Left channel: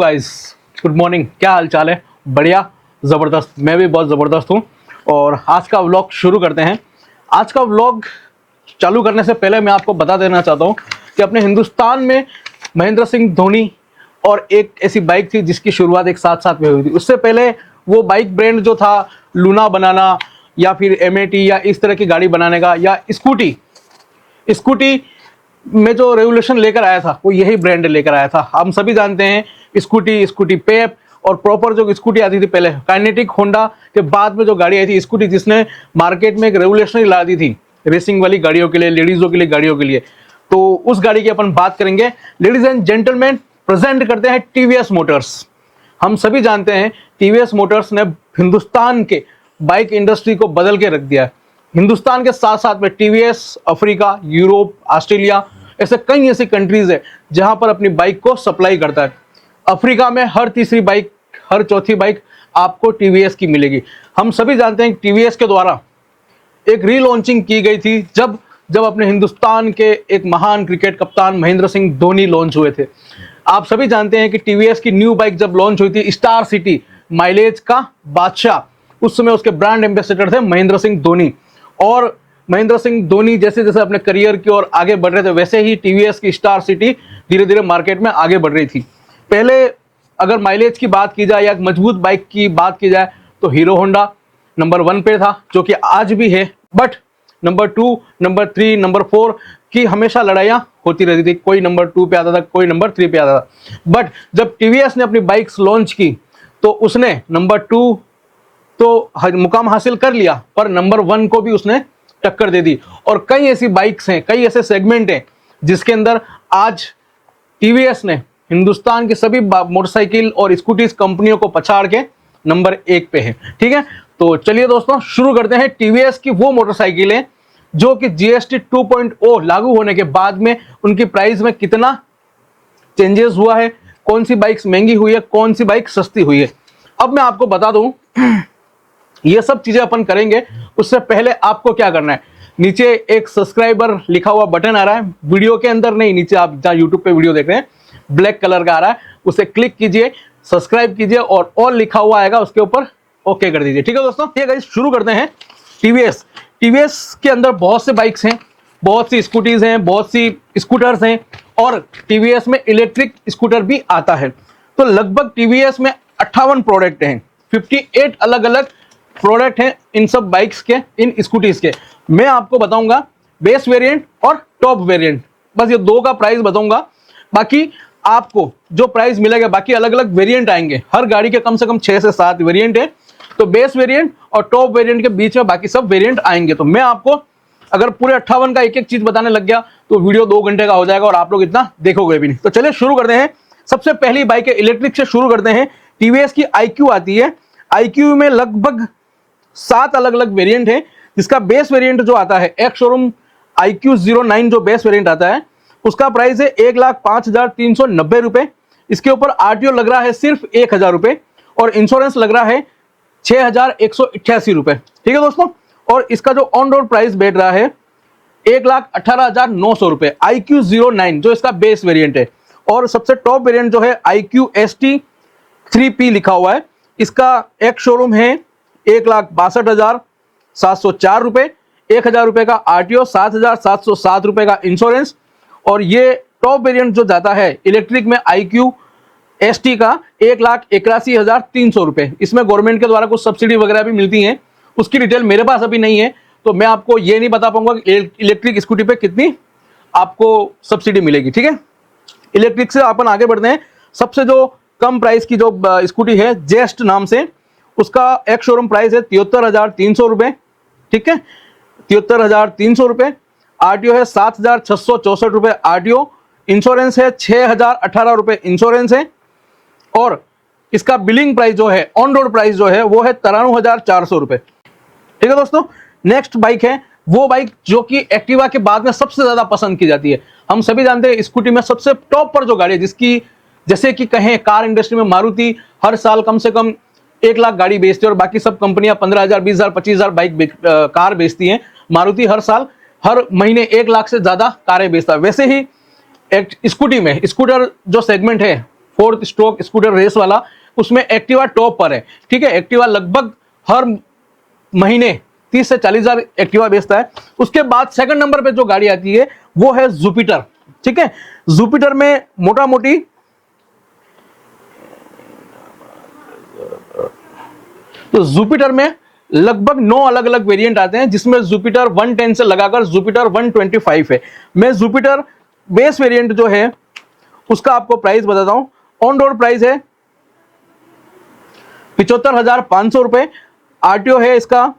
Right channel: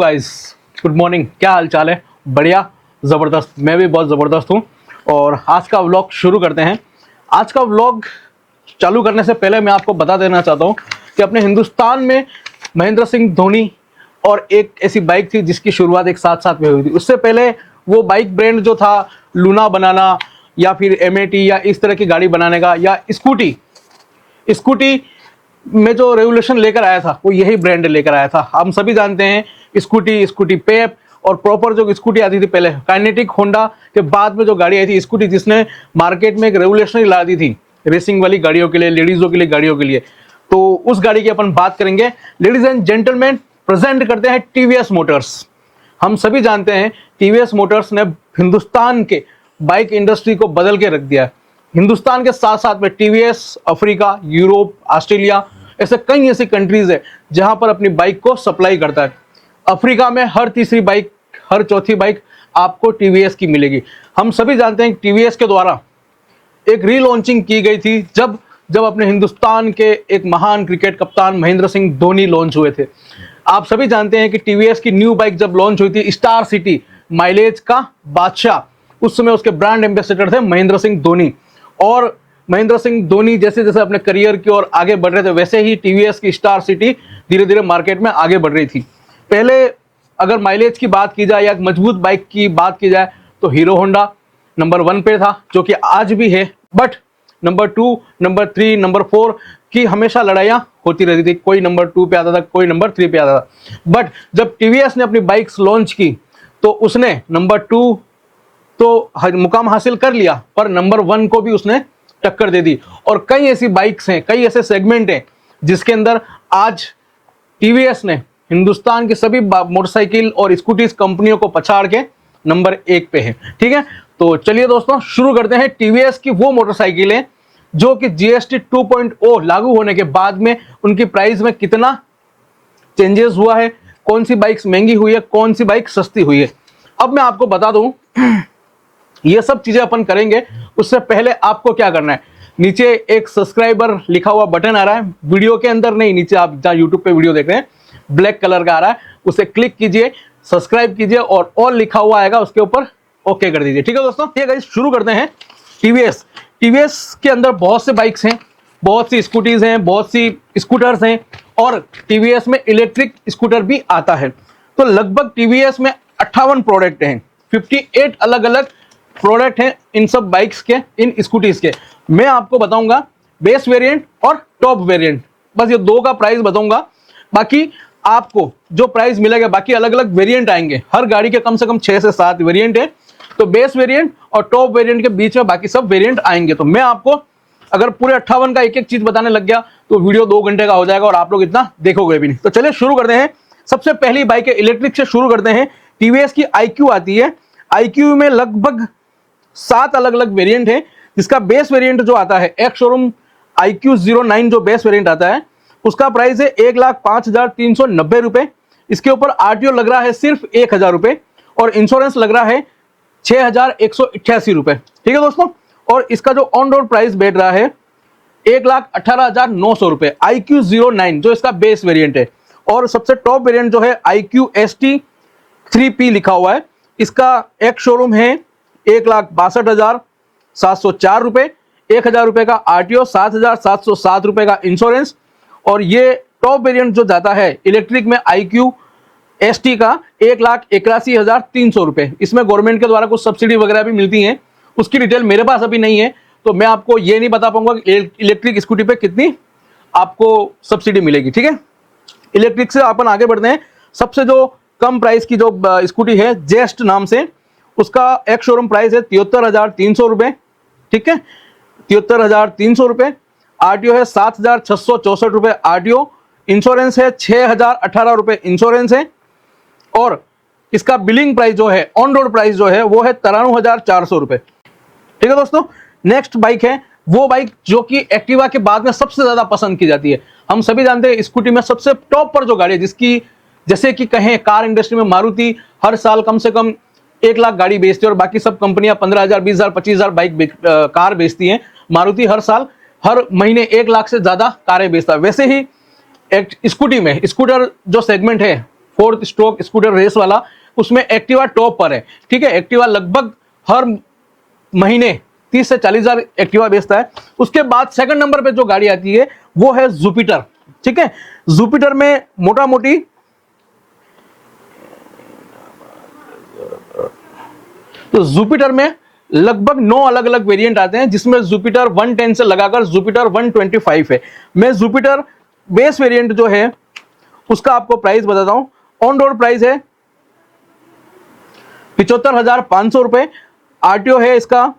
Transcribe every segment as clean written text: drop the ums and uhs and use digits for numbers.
Guys, good morning. क्या हाल चाल है? बढ़िया, ज़बरदस्त। मैं भी बहुत ज़बरदस्त हूँ। और आज का व्लॉग शुरू करते हैं। आज का व्लॉग चालू करने से पहले मैं आपको बता देना चाहता हूँ कि अपने हिंदुस्तान में महेंद्र सिंह धोनी और एक ऐसी बाइक थी जिसकी शुरुआत एक साथ साथ में हुई थी। उससे पहले वो बाइक ब्रांड जो था लूना बनाना या फिर एमएटी या इस तरह की गाड़ी बनाने का, या स्कूटी में जो रेवोल्यूशन लेकर आया था वो यही ब्रांड लेकर आया था। हम सभी जानते हैं स्कूटी पेप और प्रॉपर जो स्कूटी आती थी पहले काइनेटिक होंडा के बाद में जो गाड़ी आई थी स्कूटी, जिसने मार्केट में एक रेवोल्यूशन ला दी थी रेसिंग वाली गाड़ियों के लिए, लेडीजों के लिए गाड़ियों के लिए। तो उस गाड़ी की अपन बात करेंगे। लेडीज एंड जेंटलमैन, प्रेजेंट करते हैं टीवीएस मोटर्स। हम सभी जानते हैं टीवीएस मोटर्स ने हिंदुस्तान के बाइक इंडस्ट्री को बदल के रख दिया। हिंदुस्तान के साथ साथ में टीवीएस अफ्रीका, यूरोप, ऑस्ट्रेलिया, ऐसे कई ऐसी कंट्रीज है जहां पर अपनी बाइक को सप्लाई करता है। अफ्रीका में हर तीसरी बाइक, हर चौथी बाइक आपको टीवीएस की मिलेगी। हम सभी जानते हैं टीवीएस के द्वारा एक रीलॉन्चिंग की गई थी जब अपने हिंदुस्तान के एक महान क्रिकेट कप्तान महेंद्र सिंह धोनी लॉन्च हुए थे। आप सभी जानते हैं कि टीवीएस की न्यू बाइक जब लॉन्च हुई थी, स्टार सिटी, माइलेज का बादशाह, उस समय उसके ब्रांड एम्बेसडर थे महेंद्र सिंह धोनी। और महेंद्र सिंह धोनी जैसे जैसे अपने करियर की ओर आगे बढ़ रहे थे वैसे ही टीवीएस की स्टार सिटी धीरे धीरे मार्केट में आगे बढ़ रही थी। पहले अगर माइलेज की बात की जाए या मजबूत बाइक की बात की जाए तो हीरो होंडा नंबर 1 पे था, जो कि आज भी है। बट नंबर 2, नंबर 3, नंबर 4 की हमेशा लड़ाइयां होती रहती थी। कोई नंबर 2 पे आता था, कोई नंबर 3 पे आता था। बट जब टीवीएस ने अपनी बाइक्स लॉन्च की तो उसने नंबर 2 तो मुकाम हासिल कर लिया, पर नंबर 1 को भी उसने टक्कर दे दी। और कई ऐसी बाइक्स हैं, कई ऐसे सेगमेंट हैं जिसके अंदर आज टीवीएस ने हिंदुस्तान के सभी मोटरसाइकिल और स्कूटीज कंपनियों को पछाड़ के नंबर 1 पे है। ठीक है, तो चलिए दोस्तों शुरू करते हैं। टीवीएस की वो मोटरसाइकिलें जो कि जीएसटी 2.0 लागू होने के बाद में उनकी प्राइस में कितना चेंजेस हुआ है, कौन सी बाइक्स महंगी हुई है, कौन सी बाइक सस्ती हुई है। अब मैं आपको बता दूं ये सब चीजें अपन करेंगे। उससे पहले आपको क्या करना है, नीचे एक सब्सक्राइबर लिखा हुआ बटन आ रहा है, वीडियो के अंदर नहीं, नीचे आप जहां यूट्यूब पे वीडियो देख रहे हैं ब्लैक कलर का आ रहा है, उसे क्लिक कीजिए, सब्सक्राइब कीजिए और ऑल लिखा हुआ आएगा उसके ऊपर ओके कर दीजिए। ठीक है दोस्तों, ठीक है गाइस, शुरू करते हैं। टीवीएस के अंदर बहुत से बाइक्स हैं, बहुत सी स्कूटीज हैं, बहुत सी स्कूटर्स हैं और टीवीएस में इलेक्ट्रिक स्कूटर भी आता है। तो लगभग टीवीएस में 58 प्रोडक्ट हैं, 58 अलग अलग प्रोडक्ट हैं इन सब बाइक्स के, इन स्कूटीज के। मैं आपको बताऊंगा बेस वेरिएंट और टॉप वेरिएंट, बस ये दो का प्राइस बताऊंगा। बाकी आपको जो प्राइस मिलेगा, बाकी अलग अलग वेरिएंट आएंगे। हर गाड़ी के कम से कम 6 से 7 वेरिएंट है, तो बेस वेरिएंट और टॉप वेरिएंट के बीच में बाकी सब वेरिएंट आएंगे। तो मैं आपको अगर पूरे 58 का एक एक चीज बताने लग गया तो वीडियो 2 घंटे का हो जाएगा और आप लोग इतना देखोगे भी नहीं। तो चलिए शुरू करते हैं। सबसे पहली बाइक है इलेक्ट्रिक से शुरू करते हैं। टीवीएस की iQ आती है। iQ में लगभग 7 अलग अलग वेरिएंट है, जिसका बेस वेरिएंट जो आता है एक्स शोरूम iQ09 जो बेस वेरिएंट आता है उसका प्राइस है 1,05,390 रुपए। इसके ऊपर आरटीओ लग रहा है सिर्फ 1,000 रुपए और इंश्योरेंस लग रहा है 6,188 रुपए। ठीक है दोस्तों, और इसका जो ऑन रोड प्राइस बैठ रहा है 1,18,900 रुपए। iQ09 जो इसका बेस वेरिएंट है। और सबसे टॉप वेरिएंट जो है iQST3P लिखा हुआ है, इसका एक्स शोरूम है 1,62,704 रुपए, 1,000 रुपए का आरटीओ, 7,707 रुपए का इंश्योरेंस। और ये टॉप वेरिएंट जो जाता है इलेक्ट्रिक में iQST का 1,81,300 रुपए। इसमें गवर्नमेंट के द्वारा कुछ सब्सिडी वगैरह भी मिलती है, उसकी डिटेल मेरे पास अभी नहीं है, तो मैं आपको ये नहीं बता पाऊंगा कि इलेक्ट्रिक स्कूटी पे कितनी आपको सब्सिडी मिलेगी। ठीक है, इलेक्ट्रिक से अपन आगे बढ़ते हैं। सबसे जो कम प्राइस की जो स्कूटी है जेस्ट नाम से, उसका एक्स शोरूम प्राइस है 73,300 रुपए। ठीक है, 73,300 रुपए। आरटीओ है 7,664 रुपए आरटीओ, इंश्योरेंस है 6,018 रुपए इंश्योरेंस है। और इसका बिलिंग प्राइस जो है, ऑन रोड प्राइस जो है वो है 93,400 रुपए। ठीक है दोस्तों, नेक्स्ट बाइक है वो बाइक जो कि एक्टिवा के बाद में सबसे ज्यादा पसंद की जाती है। हम सभी जानते हैं स्कूटी में सबसे टॉप पर जो गाड़ी है, जिसकी जैसे कि कहें कार इंडस्ट्री में मारुति हर साल कम से कम 1 लाख गाड़ी बेचती है और बाकी सब कंपनियां 15,000, 20,000, 25,000 बाइक कार बेचती हैं। मारुति हर साल हर महीने 1 लाख से ज्यादा कारें बेचता है। वैसे ही एक स्कूटी में स्कूटर जो सेगमेंट है 4th स्ट्रोक स्कूटर रेस वाला, उसमें एक्टिवा टॉप पर है। ठीक है, एक्टिवा लगभग हर महीने 30 से 40 हजार एक्टिवा बेचता है। उसके बाद सेकंड नंबर पे जो गाड़ी आती है वो है जुपिटर। ठीक है, जुपिटर में मोटा मोटी तो जुपिटर में लगभग 9 अलग अलग वेरिएंट आते हैं, जिसमें जुपिटर 110 से लगाकर जुपिटर 125 है। मैं जुपिटर बेस वेरिएंट जो है उसका आपको प्राइस बताता हूं। ऑन रोड प्राइस है 75,500 रुपए, आरटीओ है इसका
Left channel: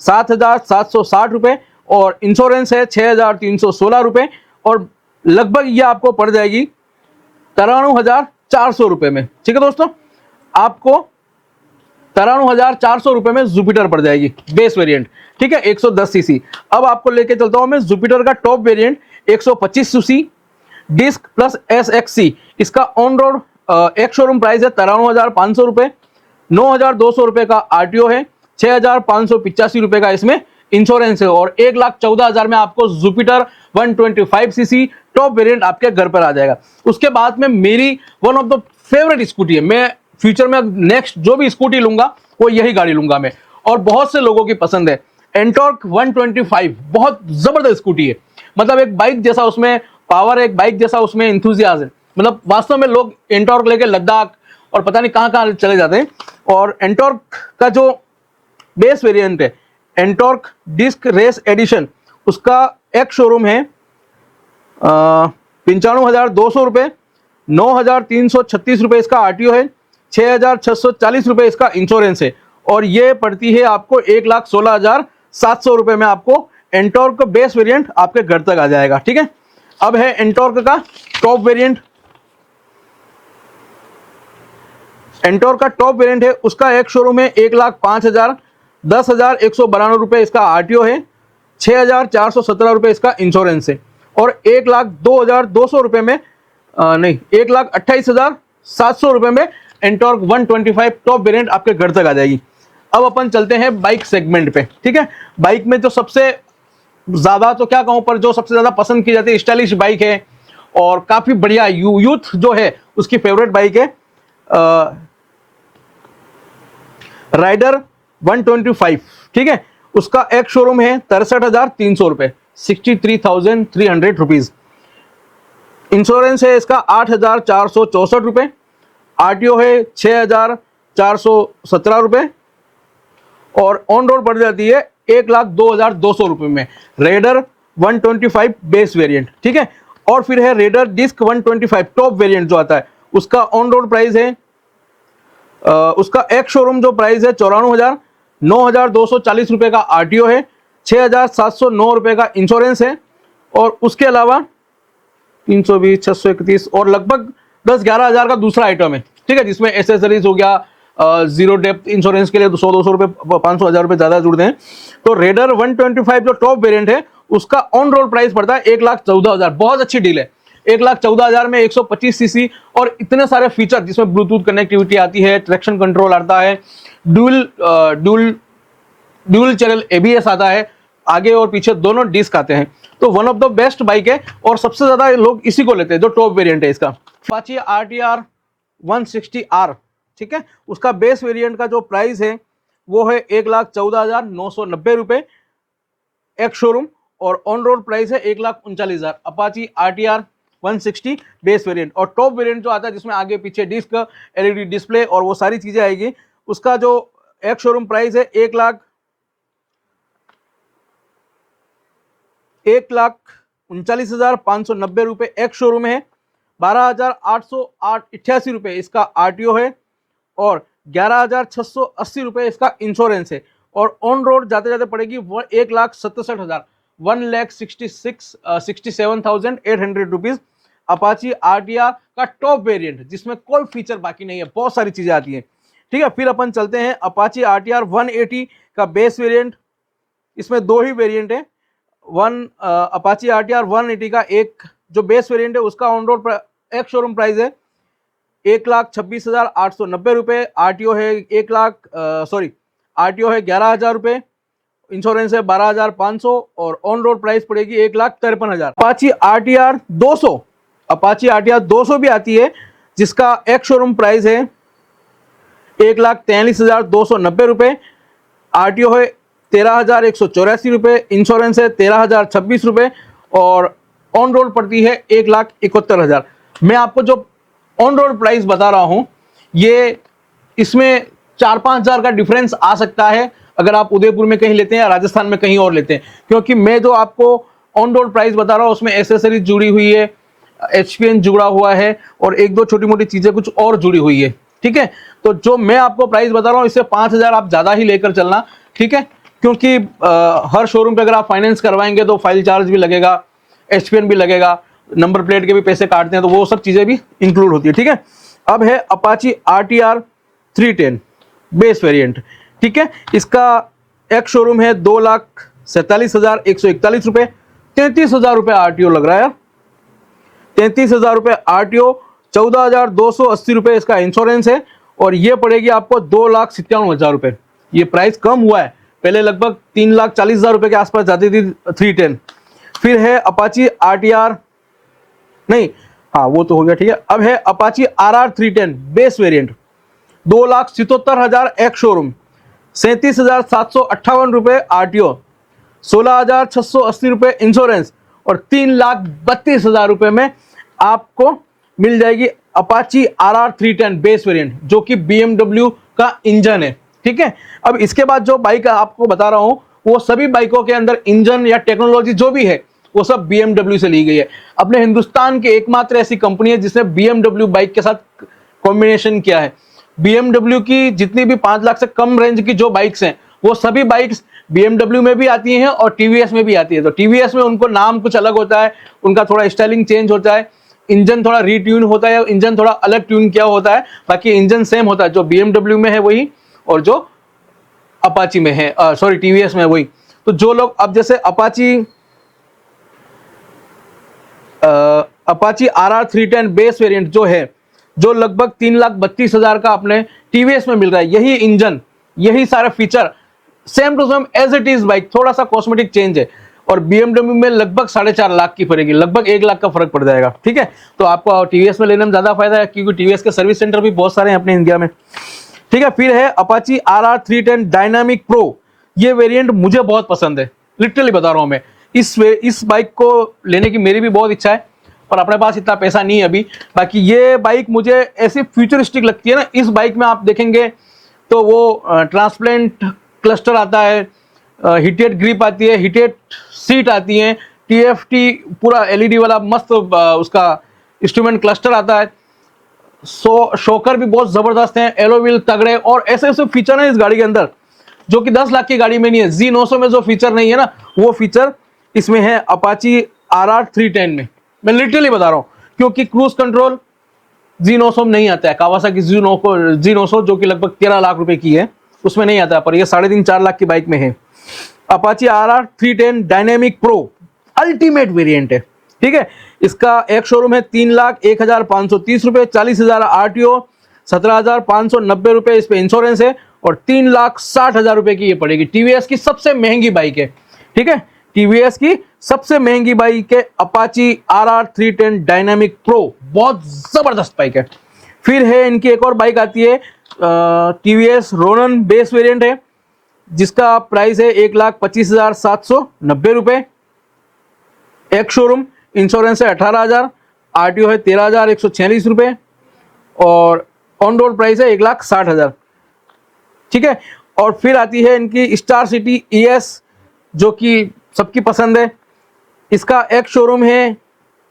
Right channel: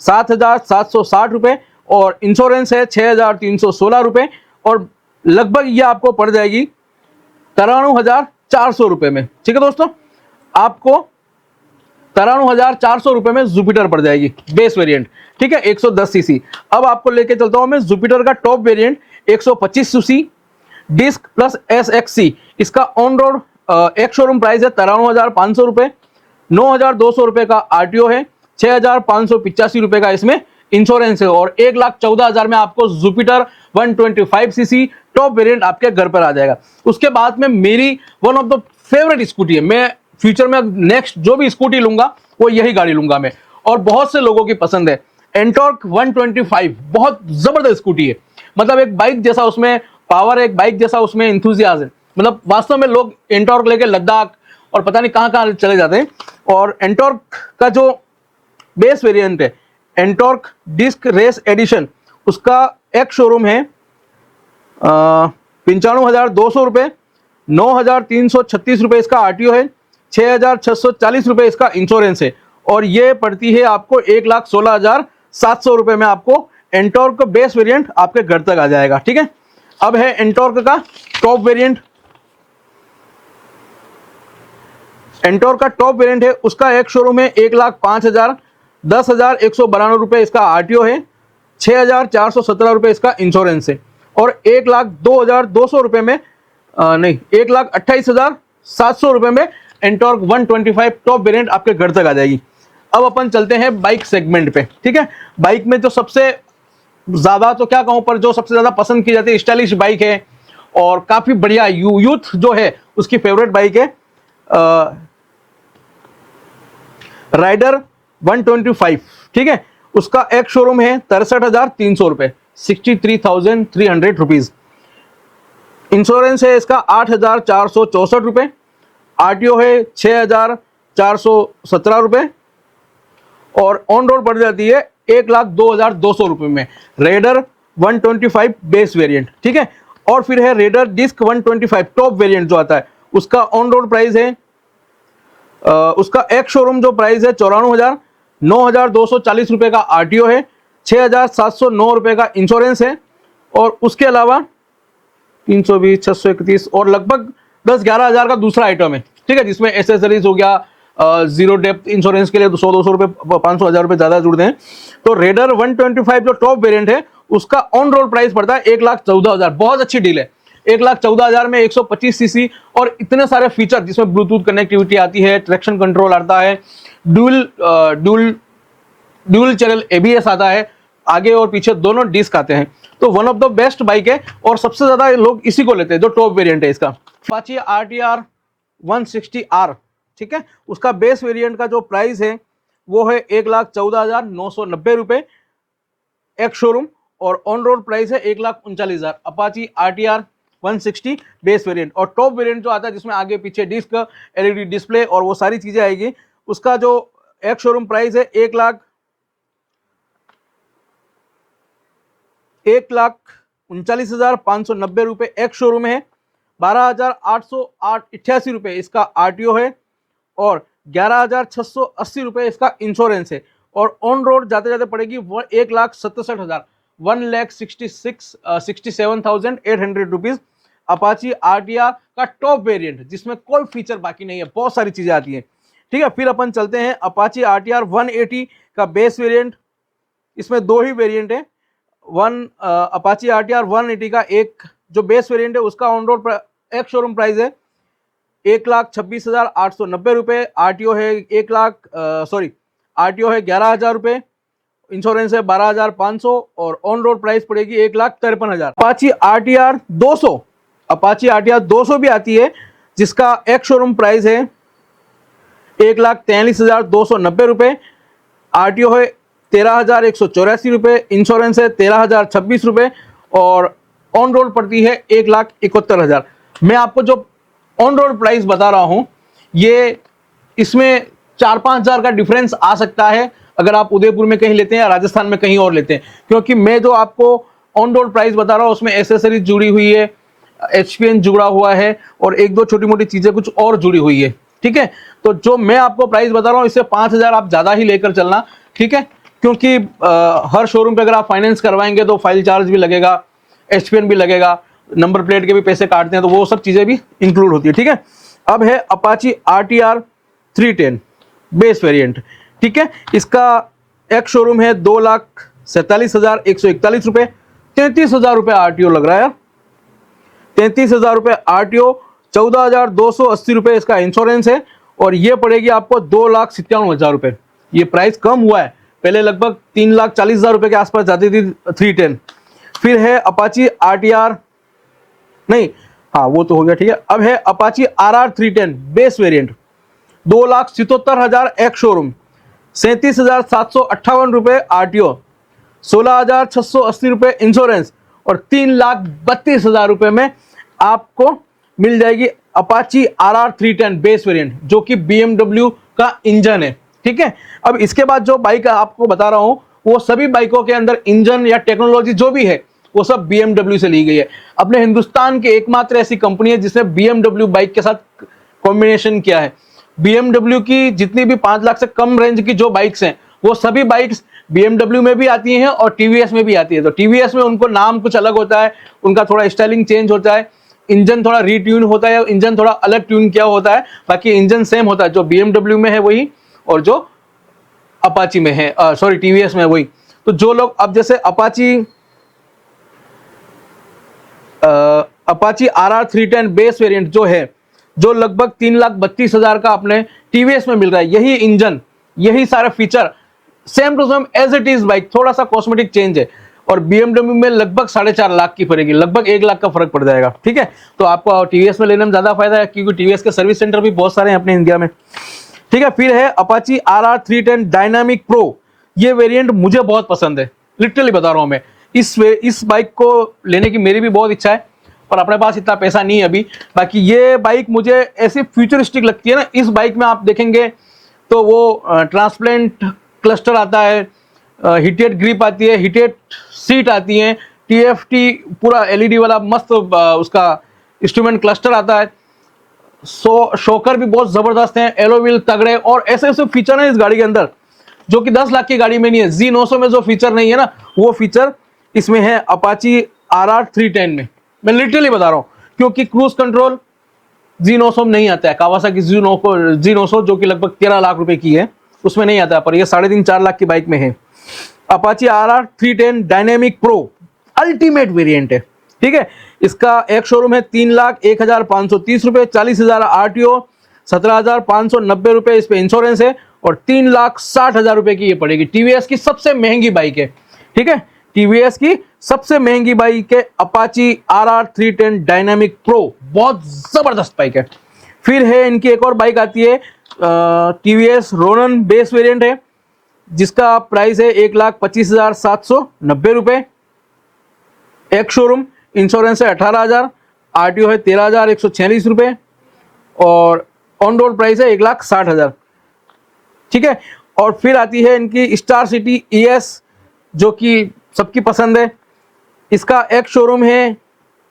7,760 रुपए और इंश्योरेंस है 6,316 रुपए और लगभग ये आपको पड़ जाएगी 93,400 रुपए में। ठीक है दोस्तों, आपको 93,400 रुपए में जुपिटर पड़ जाएगी बेस वेरिएंट। ठीक है, 110 सीसी। अब आपको लेके चलता हूं मैं जुपिटर का top variant 125 CC disc plus SXC। इसका ऑन रोड एक शोरूम प्राइस है 93,500 रुपए, 9,200 रुपए का आरटीओ है, 6,585 रुपए का इसमें इंश्योरेंस है और 1,14,000 में आपको जुपिटर 125 सीसी टॉप वेरिएंट आपके घर पर आ जाएगा। उसके बाद में मेरी one of the favourite scooty है, मैं फ्यूचर में अब नेक्स्ट जो भी स्कूटी लूंगा वो यही गाड़ी लूंगा मैं, और बहुत से लोगों की पसंद है। एंटॉर्क 125 बहुत जबरदस्त स्कूटी है, मतलब एक बाइक जैसा उसमें पावर, एक बाइक जैसा उसमें इंथुजियाज्म, मतलब वास्तव में लोग एंटॉर्क लेके लद्दाख और पता नहीं कहां कहां चले जाते हैं। और एंटॉर्क का जो बेस वेरिएंट है एंटॉर्क डिस्क रेस एडिशन, उसका एक शोरूम है 95,200 रुपए, 9,336 रुपए इसका आरटीओ है, 6,640 रुपए इसका इंश्योरेंस है और ये पड़ती है आपको 1,16,700 रुपए में। आपको एंटॉर्क बेस वेरिएंट आपके घर तक आ जाएगा। ठीक है, अब है एंटॉर्क का टॉप वेरिएंट। एंटॉर्क का टॉप वेरिएंट है, उसका एक शोरूम है 1,05,000, 10,192 रुपए इसका आरटीओ है, 6,417 रुपए इसका इंश्योरेंस है और 1,02,200 रुपए में नहीं 1,28,700 रुपए में एंटॉर्क 125 टॉप वेरिएंट आपके घर तक आ जाएगी। अब अपन चलते हैं बाइक सेगमेंट पे। ठीक है, बाइक में जो सबसे ज्यादा तो क्या कहूं पर जो सबसे ज्यादा पसंद की जाती है स्टाइलिश बाइक है और काफी बढ़िया यूथ जो है उसकी फेवरेट बाइक है राइडर 125। ठीक है, उसका एक शोरूम है 63,300 रुपए, 63,300 रुपीज। इंश्योरेंस है इसका 8,464 रुपए, आरटीओ है 6,417 रुपए और ऑन रोड पड़ जाती है 1,02,200 रुपए में रेडर 125 बेस वेरिएंट। ठीक है, और फिर है रेडर डिस्क 125 टॉप वेरिएंट जो आता है, उसका ऑन रोड प्राइस है उसका एक शोरूम जो प्राइस है 94,000, 9,240 रुपए का आरटीओ है, 6,709 रुपए का इंश्योरेंस है और उसके अलावा 320, 631 और लगभग 10-11 हजार का दूसरा आइटम है। ठीक है, जिसमें एसेसरीज हो गया, जीरो डेप्थ इंश्योरेंस के लिए 100-200 रुपए 500 हजार रुपए ज्यादा जुड़ते हैं। तो रेडर 125 जो टॉप वेरिएंट है उसका ऑन रोड प्राइस पड़ता है 1,14,000। बहुत अच्छी डील है, 1,14,000 में 125 सीसी और इतने सारे फीचर जिसमें ब्लूटूथ कनेक्टिविटी आती है, ट्रैक्शन कंट्रोल आता है, ड्यूल चैनल एबीएस आता है, आगे और पीछे दोनों डिस्क आते हैं। तो one of the best bike है और सबसे ज्यादा लोग इसी को लेते हैं जो टॉप वेरिएंट है इसका। Apache RTR 160R। ठीक है, उसका बेस वेरिएंट का जो प्राइस है वो है 1,14,990 रुपए एक शोरूम और ऑन रोड प्राइस है 1,39,000। अपाची RTR 160 बेस वेरिएंट और टॉप वेरिएंट जो आता है जिसमें आगे पीछे डिस्क, LED डिस्प्ले और वो सारी चीजें आएगी, उसका जो एक शोरूम प्राइस है 1,39,590 रुपए एक शोरूम है, 12,888 रुपए इसका आरटीओ है और 11,680 रुपए इसका इंश्योरेंस है और ऑन रोड जाते जाते पड़ेगी वो 1,67,000, 1,67,800 रुपीज। अपाची RTR का टॉप वेरिएंट जिसमें कोई फीचर बाकी नहीं है, बहुत सारी चीजें आती हैं। ठीक है, फिर अपन चलते हैं अपाची RTR 180 का बेस वेरिएंट। इसमें दो ही वेरिएंट है, अपाची RTR 180 का एक जो बेस वेरिएंट है उसका ऑन रोड एक शोरूम प्राइस है 1,26,890 रुपए, आरटीओ है 11,000 रुपए, इंश्योरेंस है 12,500 और ऑन रोड प्राइस पड़ेगी 1,53,000। अपाची RTR 200 भी आती है जिसका एक शोरूम प्राइस है 1,43,290 रुपये, आरटीओ है 13,184 रुपये, इंश्योरेंस है 13,026 रुपये और ऑन रोड पड़ती है 1,71,000। मैं आपको जो ऑन रोड प्राइस बता रहा हूं ये इसमें 4-5 हज़ार का डिफरेंस आ सकता है अगर आप उदयपुर में कहीं लेते हैं या राजस्थान में कहीं और लेते हैं, क्योंकि मैं जो आपको ऑन रोड प्राइस बता रहा हूं उसमें एसेसरीज जुड़ी हुई है, एचपीएन जुड़ा हुआ है और एक दो छोटी मोटी चीजें कुछ और जुड़ी हुई है। ठीक है, तो जो मैं आपको प्राइस बता रहा हूं इससे 5 हज़ार आप ज्यादा ही लेकर चलना। ठीक है, क्योंकि हर शोरूम पे अगर आप फाइनेंस करवाएंगे तो फाइल चार्ज भी लगेगा, एचपीएन भी लगेगा, नंबर प्लेट के भी पैसे काटते हैं, तो वो सब चीजें भी इंक्लूड होती है। ठीक है, अब है अपाची आरटीआर 310 बेस वेरिएंट। ठीक है, इसका एक शोरूम है 2,47,141 रुपए, 33,000 रुपए आरटीओ लग रहा है, 33,000 रुपए आरटीओ, 14,280 रुपए इसका इंश्योरेंस है और ये पड़ेगी आपको 2,97,000 रुपए। ये प्राइस कम हुआ है, पहले लगभग 3,40,000 रुपए के आसपास जाती थी 310। फिर है अपाची आरटीआर, नहीं हाँ वो तो हो गया। ठीक है, अब है अपाची आरआर 310 बेस वेरिएंट, 2,77,000 एक शोरूम, 37,758 रुपए आरटीओ, 16,680 रुपए इंश्योरेंस और 3,32,000 रुपए में आपको मिल जाएगी अपाची आरआर 310 बेस वेरिएंट, जो कि BMW का इंजन है। ठीक है, अब इसके बाद जो बाइक आपको बता रहा हूं वो सभी बाइकों के अंदर इंजन या टेक्नोलॉजी जो भी है वो सब BMW से ली गई है। अपने हिंदुस्तान के एकमात्र ऐसी कंपनी है जिसने BMW बाइक के साथ कॉम्बिनेशन किया है। BMW की जितनी भी 5 लाख से कम रेंज की जो बाइक्स हैं वो सभी बाइक्स BMW में भी आती हैं और TVS में भी आती है। तो TVS में उनको नाम कुछ अलग होता है, उनका थोड़ा स्टाइलिंग चेंज होता है, इंजन थोड़ा रीट्यून होता है, इंजन थोड़ा अलग ट्यून किया होता है, बाकी इंजन सेम होता है। जो BMW में है वही और जो अपाची में है, सॉरी TVS में वही। तो जो लोग अब जैसे अपाची आरआर 310 बेस वेरिएंट जो है, जो लगभग 3,32,000 का अपने TVS में मिल रहा है, यही इंजन यही सारे feature same to same as it is bike, थोड़ा सा कॉस्मेटिक चेंज है और BMW में लगभग 4.5 लाख की पड़ेगी, लगभग 1 लाख का फर्क पड़ जाएगा। ठीक है, तो आपको TVS में लेने में ज्यादा फायदा है क्योंकि TVS के सर्विस सेंटर भी बहुत सारे हैं अपने इंडिया में। ठीक है, फिर है अपाची आरआर 310 डायनामिक प्रो। ये वेरिएंट मुझे बहुत पसंद है, लिटरली बता रहा हूं मैं। इस बाइक को लेने की मेरी भी बहुत इच्छा है पर अपने पास इतना पैसा नहीं है अभी। बाकी ये बाइक मुझे ऐसी फ्यूचरिस्टिक लगती है ना, इस बाइक में आप देखेंगे तो वो ट्रांसपेरेंट क्लस्टर आता है, हीटेड ग्रिप आती है, हीटेड सीट आती है, TFT पूरा LED वाला मस्त उसका इंस्ट्रूमेंट क्लस्टर आता है, शोकर भी बहुत जबरदस्त है, एलो व्हील तगड़े और ऐसे ऐसे फीचर है इस गाड़ी के अंदर जो कि 10 लाख की गाड़ी में नहीं है। Z900 में जो फीचर नहीं है ना वो फीचर इसमें है अपाची आरआर 310 में। मैं लिटरली बता रहा हूं क्योंकि क्रूज कंट्रोल Z900 में नहीं आता है, कावासाकी Z900 जो कि लगभग 13 लाख रुपए की है उसमें नहीं आता है, पर ये 3.5-4 लाख की बाइक में है। Apache RR 310 dynamic pro ultimate variant है। ठीक है, इसका एक शोरूम है 3,01,530 रुपए, 40,000 आरटीओ, 17,590 रुपए इस पे इंश्योरेंस है और 3,60,000 रुपए की ये पड़ेगी। TVS की सबसे महंगी बाइक है। ठीक है, TVS की सबसे महंगी बाइक है अपाची आरआर 310 डायनामिक प्रो, बहुत जबरदस्त बाइक है। फिर है इनकी एक और बाइक आती है TVS रोनन बेस वेरिएंट है जिसका प्राइस है 1,25,790 रुपए, एक शोरूम, इंश्योरेंस है 18,000, आरटीओ है 13,146 रुपए और ऑन रोड प्राइस है 1,60,000। ठीक है, और फिर आती है इनकी स्टार सिटी ES जो कि सबकी पसंद है। इसका एक शोरूम है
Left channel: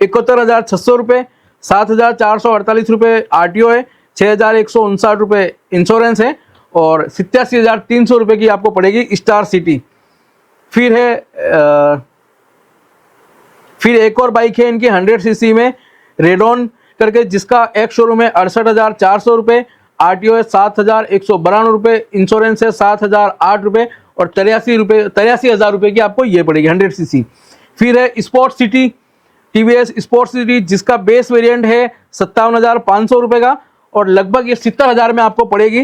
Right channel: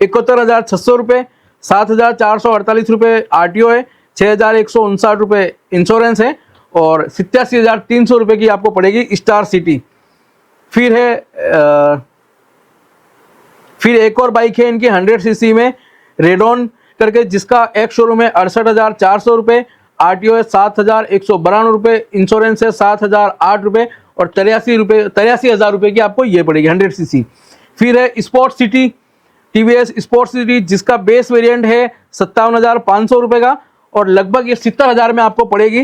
71,600 रुपए, 7,448 रुपए आरटीओ है, 6,159 रुपए इंश्योरेंस है और 87,300 रुपए की आपको पड़ेगी स्टार सिटी। फिर है फिर एक और बाइक है इनकी 100 सीसी में रेडॉन करके जिसका एक शोरूम है 68,400 रुपए, आरटीओ है 7,192 रुपए, इंश्योरेंस है 7,008 रुपए और 83,000 रुपए की आपको ये पड़ेगी 100 सीसी। फिर है sport city, TVS sport city जिसका बेस वेरिएंट है 57,500 रुपए का और लगभग ये 70,000 में आपको पड़ेगी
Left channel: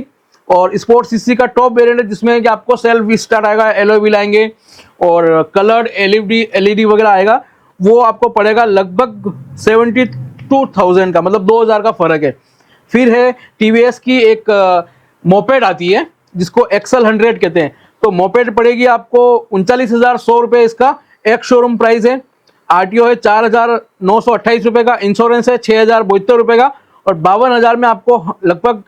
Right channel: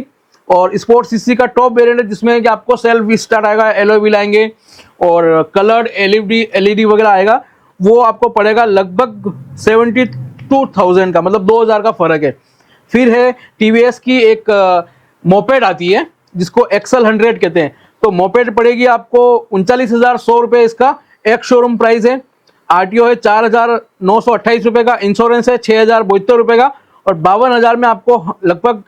और स्पोर्ट सीसी का टॉप वेरिएंट है जिसमें कि आपको सेल्फ स्टार्ट आएगा, एलॉय व्हील आएंगे और कलर्ड LED वगैरह आएगा, वो आपको पड़ेगा लगभग 22,000 का, मतलब 2,000 का फर्क है। फिर है टीवीएस की एक मोपेड आती है जिसको एक्सल 100 कहते हैं, तो मोपेड पड़ेगी आपको 39,100 रुपये, इसका एक शोरूम प्राइस है। आरटीओ है 4,928 रुपये का, इंश्योरेंस है 6,072 रुपये का, और 52,000 में आपको लगभग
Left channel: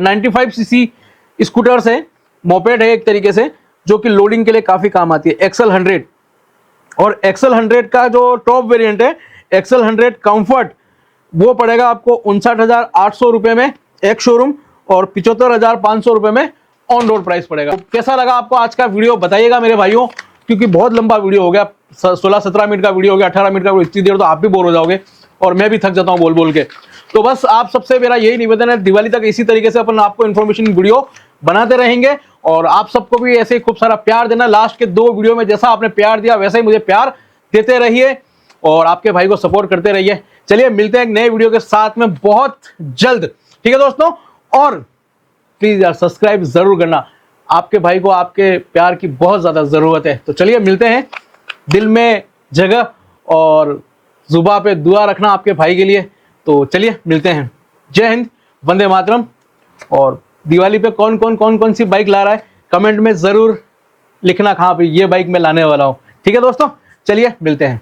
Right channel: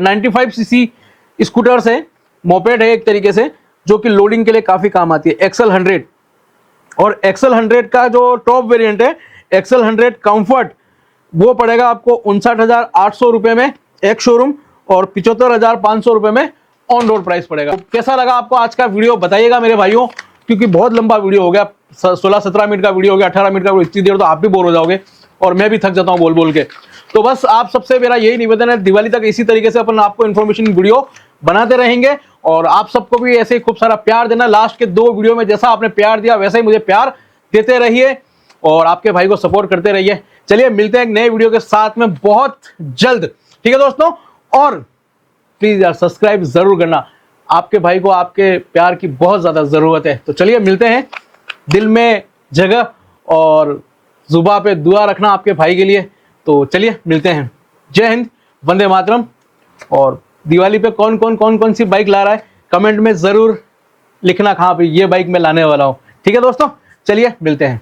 95 सीसी स्कूटर्स है, मोपेड है एक तरीके से, जो कि लोडिंग के लिए काफी काम आती है, एक्सल 100। और एक्सल 100 का जो टॉप वेरिएंट है एक्सल 100 कंफर्ट, वो पड़ेगा आपको 59,800 रुपये में एक शोरूम, और 75,500 रुपये में ऑन रोड प्राइस पड़ेगा। तो कैसा लगा आपको आज का वीडियो बताइएगा मेरे भाइयों, क्योंकि बहुत लंबा वीडियो हो गया, 16-17 मिनट का वीडियो हो गया, 18 मिनट का वीडियो, इतनी देर तो आप भी बोर हो जाओगे और मैं भी थक जाता हूँ बोल बोल के। तो बस आप सबसे मेरा यही निवेदन है, दिवाली तक इसी तरीके से अपन आपको इन्फॉर्मेशन वीडियो बनाते रहेंगे, और आप सबको भी ऐसे ही खूब सारा प्यार देना। लास्ट के 2 वीडियो में जैसा आपने प्यार दिया वैसे ही मुझे प्यार देते रहिए और आपके भाई को सपोर्ट करते रहिए। चलिए मिलते हैं एक नए वीडियो के साथ में बहुत जल्द, ठीक है दोस्तों। और प्लीज यार सब्सक्राइब जरूर करना, आपके भाई को आपके प्यार की बहुत ज्यादा जरूरत है। तो चलिए मिलते हैं, दिल में जगह और जुबान पे दुआ रखना आपके भाई के लिए। तो चलिए मिलते हैं, जय हिंद, वंदे मातरम। और दिवाली पे कौन कौन सी बाइक ला रहा है कमेंट में जरूर लिखना, कहाँ पे ये बाइक मैं लाने वाला हूँ, ठीक है दोस्तों। चलिए मिलते हैं।